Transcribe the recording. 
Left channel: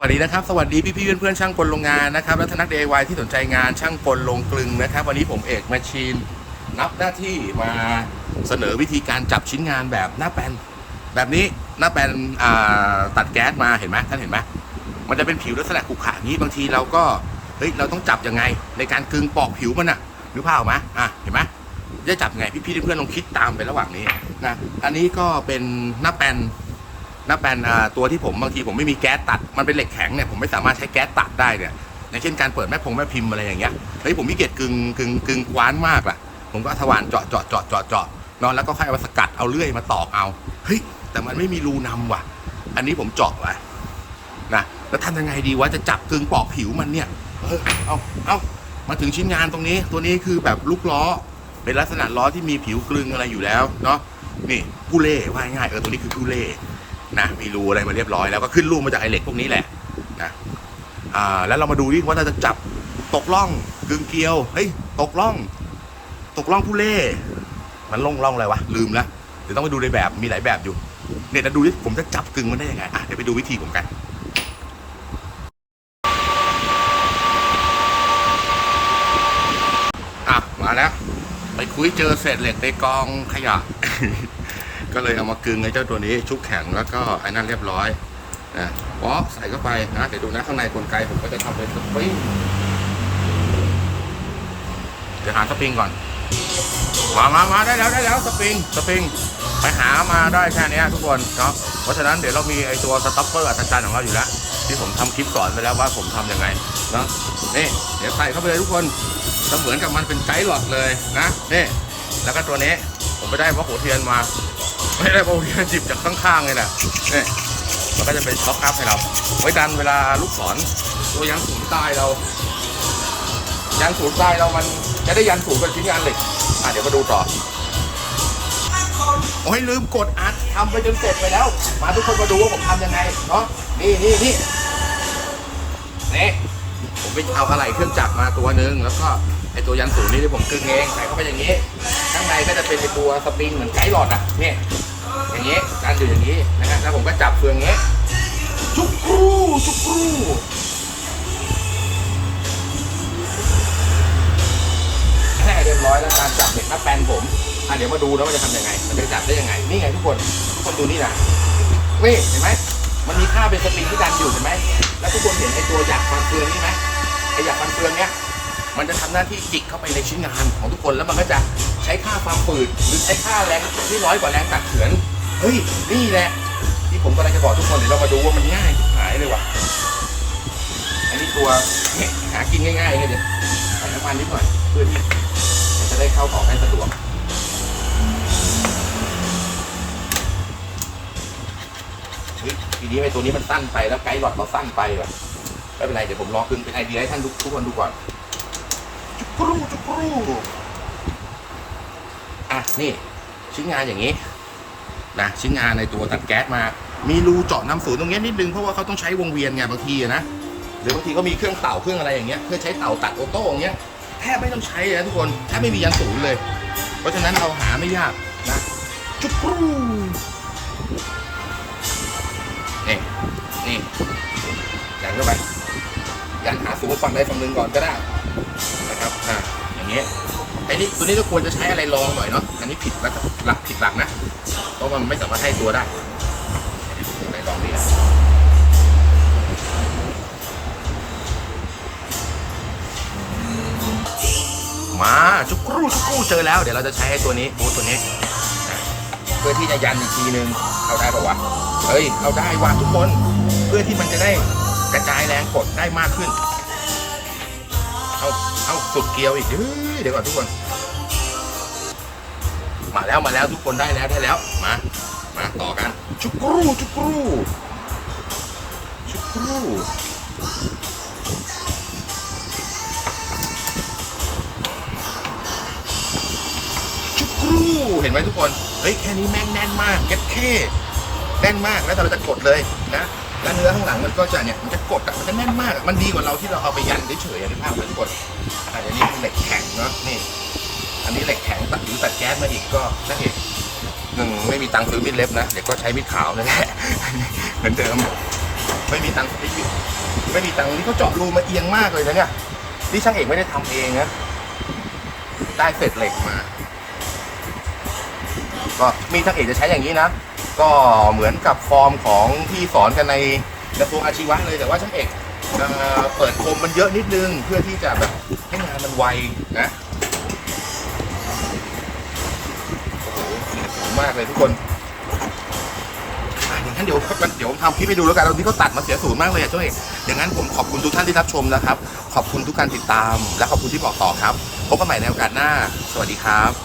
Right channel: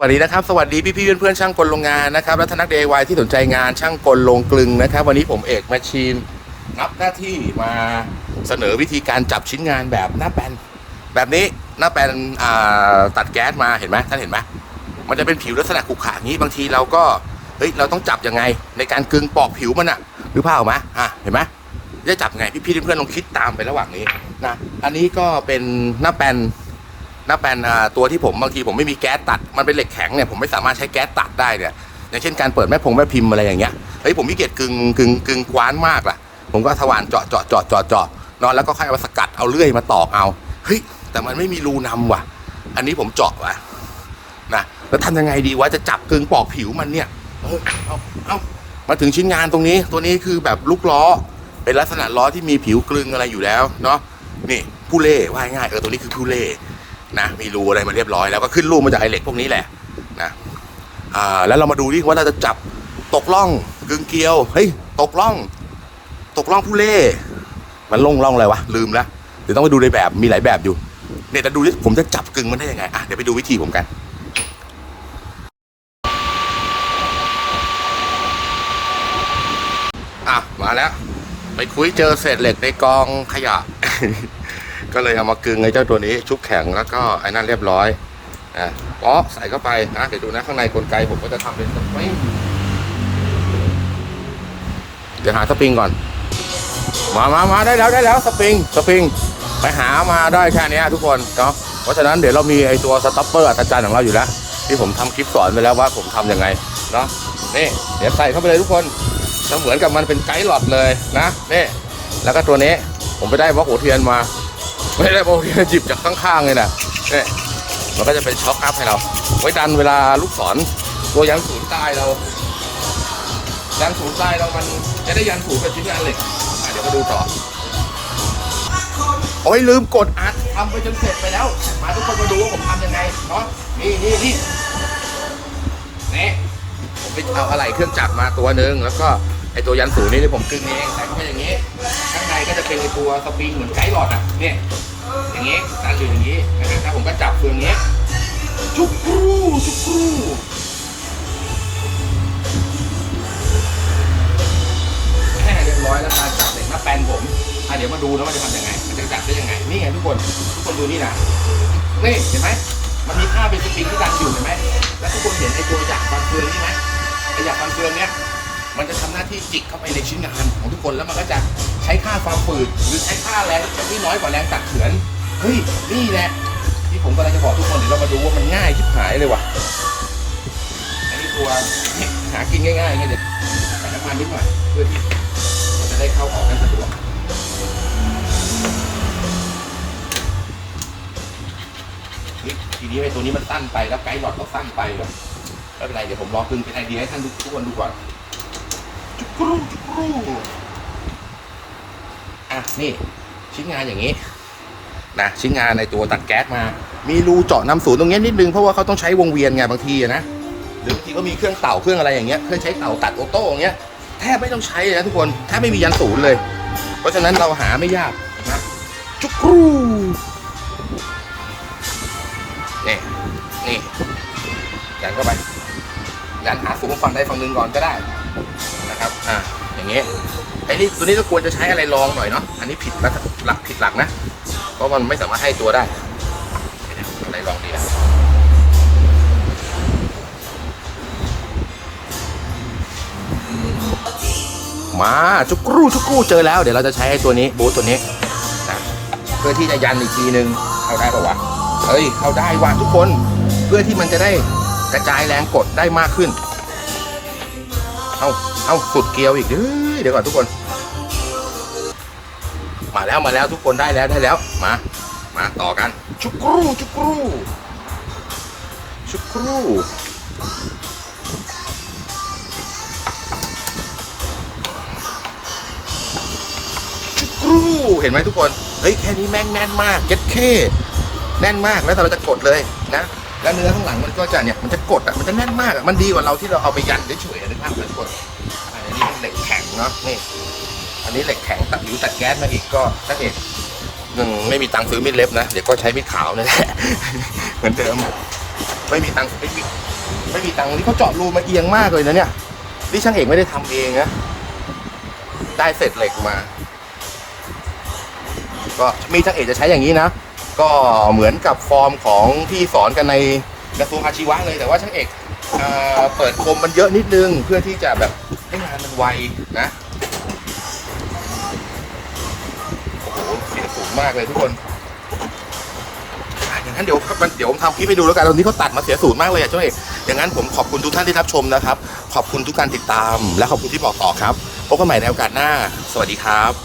สวัสดีนะครับสวัสดีพี่พี่ๆเพื่อนช่างกลโรงงานนะครับและทนัก DIY ที่สนใจงานช่างกลโรงกลึงนะครับ วันนี้ผมเอกแมชชีนนับหน้าที่มาเสนอวิธีการจับชิ้นงานแบบหน้าแปนแบบนี้หน้าแปนตัดแก๊สมาเห็นไหมท่านเห็นไหมมันจะเป็นผิวลักษณะขรุขระอย่างนี้บางทีเราก็เฮ้ยเราต้องจับยังไง ในการกลึงปอกผิวมันอะหรือเปล่าไหมอะเห็นไหมจะจับยังไงพี่พี่ๆเพื่อนๆลองคิดตามไประหว่างนี้นะอันนี้ก็เป็นหน้าแปน น้าแปลนอ่าตัวที่ผมบางทีผมไม่มีแก๊สตัดมันเป็นเหล็กแข็งเนี่ยผมไม่สามารถใช้แก๊สตัดได้เนี่ยอย่างเช่นการเปิดแม่พงแม่พิมพ์อะไรอย่างเงี้ยเฮ้ยผมขี้เกียจกึงกึงกึงคว้านมากล่ะ ผมก็สว่านเจาะเจาะเจาะเจาะเจาะนอนแล้วก็ค่อยเอาสกัดเอาเลื่อยมาตอกเอาเฮ้ยแต่มันไม่มีรูนำว่ะ อันนี้ผมเจาะว่ะนะแล้วทำยังไงดีวะจะจับกึงปอกผิวมันเนี่ยเออเอาเอามาถึงชิ้นงานตรงนี้ตัวนี้คือแบบลูกล้อ เป็นลักษณะล้อที่มีผิวกลึงอะไรอยู่แล้วเนาะนี่ผู้เล่ว่าง่ายเออตัวนี้คือผู้เล่ นะมีรูอะไรมาเรียบร้อยแล้วก็ขึ้นรูมาจากไอเหล็กพวกนี้แหละนะอ่าแล้วเรามาดูดิว่าเราจะจับตกล่องกึ่งเกลียวเฮ้ยตกล่อง ตกล่องผู้เล่มันลงล่องอะไรวะลืมแล้วเดี๋ยวต้องไปดูในแบบมีหลายแบบอยู่เนี่ยจะดูดิผมจะจับกึ่งมันได้ยังไงอะเดี๋ยวไปดูวิธีผมกันอะมาแล้ว ไปคุยเจอเศษเหล็กในกองขยะ ก็เลยเอามากึงไอ้เจ้าตัวนี้ชุบแข็งแล้วก็ไอ้นั่นเรียบร้อยนะป๊อใส่เข้าไปนะเดี๋ยวดูนะข้างในกลไกผมก็จะทำเป็นสปริงเดี๋ยวหาสปริงก่อน มามามาได้แล้วได้แล้วสปริงสปริงไปหามาได้แค่นี้ทุกคนเนาะเพราะฉะนั้นเดี๋ยวเรามีไอ้ตัวสต็อปเปอร์อัศจรรย์ของเราอยู่แล้วที่ผมทำคลิปสอนไปแล้วว่าผมทำยังไงเนาะนี่เดี๋ยวใส่เข้าไปเลยทุกคนเสมือนกับมันเป็นไกด์หลอดเลยนะนี่แล้วก็ตัวนี้ผมไปได้บล็อกหัวเทียนมา ไม่ได้บอกวเทียนจิบจากข้างๆเลยนะเนี่ยมันก็จะเป็นช็อคอัพให้เรา ไว้ดันเวลาลูกศรตัวยันศูนย์ใตายเรายันศูนย์ใตายเรามันจะได้ยันศูนย์เป็นชิ้นงานเหล็กอะเดี๋ยวมาดูต่อโอ้ยลืมกดอัดทำไปจนเสร็จไปแล้ว มาทุกคนมาดูว่าผมทำยังไงเนาะนี่นี่นี่นี่ผมไปเอาอะไรเครื่องจักรมาตัวหนึ่งแล้วก็ไอตัวยันศูนย์นี่ที่ผมกึ่งเองใส่เข้าไปอย่างนี้ ข้างในก็จะเป็นไอตัวสปริงเหมือนไกด์หลอดอะเนี่ย หรืออย่างนี้นะฮะแล้วผมก็จับเฟืองอย่างนี้จุกรูจุกรูแค่เรียบร้อยแล้วการจับเหล็กน้าแปลนผมอะเดี๋ยวมาดูนะว่าจะทำยังไง มันจะจับได้ยังไง นี่ไงทุกคน ทุกคนดูนี่นะนี่เห็นไหมมันมีค่าเป็นสปริงที่ดันอยู่เห็นไหมแล้วทุกคนเห็นไอ้ตัวหยักฟันเฟืองนี่ไหมไอหยักฟันเฟืองเนี้ยมันจะทำหน้าที่จิกเข้าไปในชิ้นงานของทุกคนแล้วมันก็จะใช้ค่าความฝืดหรือใช้ค่าแรงที่น้อยกว่าแรงตัดเฉือน เฮ้ย นี่แหละ ที่ผมกำลังจะบอกทุกคน เดี๋ยวเรามาดูว่ามันง่ายชิบหายเลยว่ะ อันนี้ตัวเนี่ยหากินง่ายๆไงเดี๋ยวใส่น้ำมันนิดหน่อย เพื่อที่มันจะได้เข้าออกให้สะดวกเฮ้ยทีนี้ไอ้ตัวนี้มันสั้นไปแล้วไกด์หลอดเราสั้นไปแบบไม่เป็นไรเดี๋ยวผมลองกึงเป็นไอเดียให้ท่านทุกคนดูก่อนจุกรูจุกรูอะนี่ชิ้นงานอย่างนี้ นะชิ้นงานในตัวตัดแก๊สมา มีรูเจาะน้ำศูนตรงนี้นิดนึงเพราะว่าเขาต้องใช้วงเวียนไงบางทีนะหรือบางทีก็มีเครื่องเต่าเครื่องอะไรอย่างเงี้ยเครื่องใช้เต่าตัดออโต้อย่างเงี้ยแทบไม่ต้องใช้เลยนะทุกคนแทบไม่มียันศูนย์เลย เพราะฉะนั้นเราหาไม่ยากนะจุกรูนี่นี่ยันเข้าไปยันหาสูงฝั่งใดฝั่งหนึ่งก่อนก็ได้นะครับอ่าอย่างนี้ย ไอ้นี่ตัวนี้ก็ควรจะใช้อะไรรองหน่อยเนาะ อันนี้ผิดหลักหลักผิดหลักนะ เพราะมันไม่สามารถให้ตัวได้อะไรรองดีมาจุกรูจุกรูเจอแล้ว เดี๋ยวเราจะใช้ไอ้ตัวนี้บูทตัวนี้ เพื่อที่จะยันอีกทีนึงเข้าได้ปะวะเฮ้ยเอาได้ว่ะทุกคน เพื่อที่มันจะได้กระจายแรงกดได้มากขึ้น เอาเอาสุดเกลียวอีก เดี๋ยวก่อนทุกคน มาแล้วมาแล้วทุกคนได้แล้วได้แล้ว มา มาต่อกัน ชุกรูชุกรูชุกรูชุกรูเห็นไหมทุกคน เฮ้ยแค่นี้แม่งแน่นมากเจ็ดเคแน่นมากแล้วเราจะกดเลยนะ แล้วเนื้อข้างหลังมันก็จะเนี่ยมันจะกดอะมันจะแน่นมากอะมันดีกว่าเราที่เราเอาไปยันเฉยๆนึกภาพมทุกคนอ่าเดี๋ยวนี้มันเหล็กแข็งเนาะนี่อันนี้เหล็กแข็งตัดผิวตัดแก๊สมาอีกก็ถ้าเหตุหนึ่งไม่มีตังค์ซื้อมีดเล็บนะเดี๋ยวก็ใช้มีดขาวนั่นแหละเหมือนเดิมไม่มีตังค์ไม่มีไม่มีตังค์นี่เขาเจาะรูมาเอียงมากเลยนะเนี่ยนี่ช่างเอกไม่ได้ทำเองนะได้เศษเหล็กมา ก็มีช่างเอกจะใช้อย่างนี้นะ ก็เหมือนกับฟอร์มของที่สอนกันในกระทรวงอาชีวะเลยแต่ว่าช่างเอกเอ่อเปิดคมมันเยอะนิดนึงเพื่อที่จะแบบให้งานมันไวนะ โอ้โหเสียงสูงมากเลยทุกคนอะอย่างนั้นเดี๋ยวเดี๋ยวผมทำคลิปไปดูแล้วกันตรงนี้เขาตัดมาเสียสูงมากเลยอะเจ้าเอกอย่างนั้นผมขอบคุณทุกท่านที่รับชมนะครับ ขอบคุณทุกการติดตาม และขอบคุณที่บอกต่อครับพบกันใหม่ในโอกาสหน้า สวัสดีครับ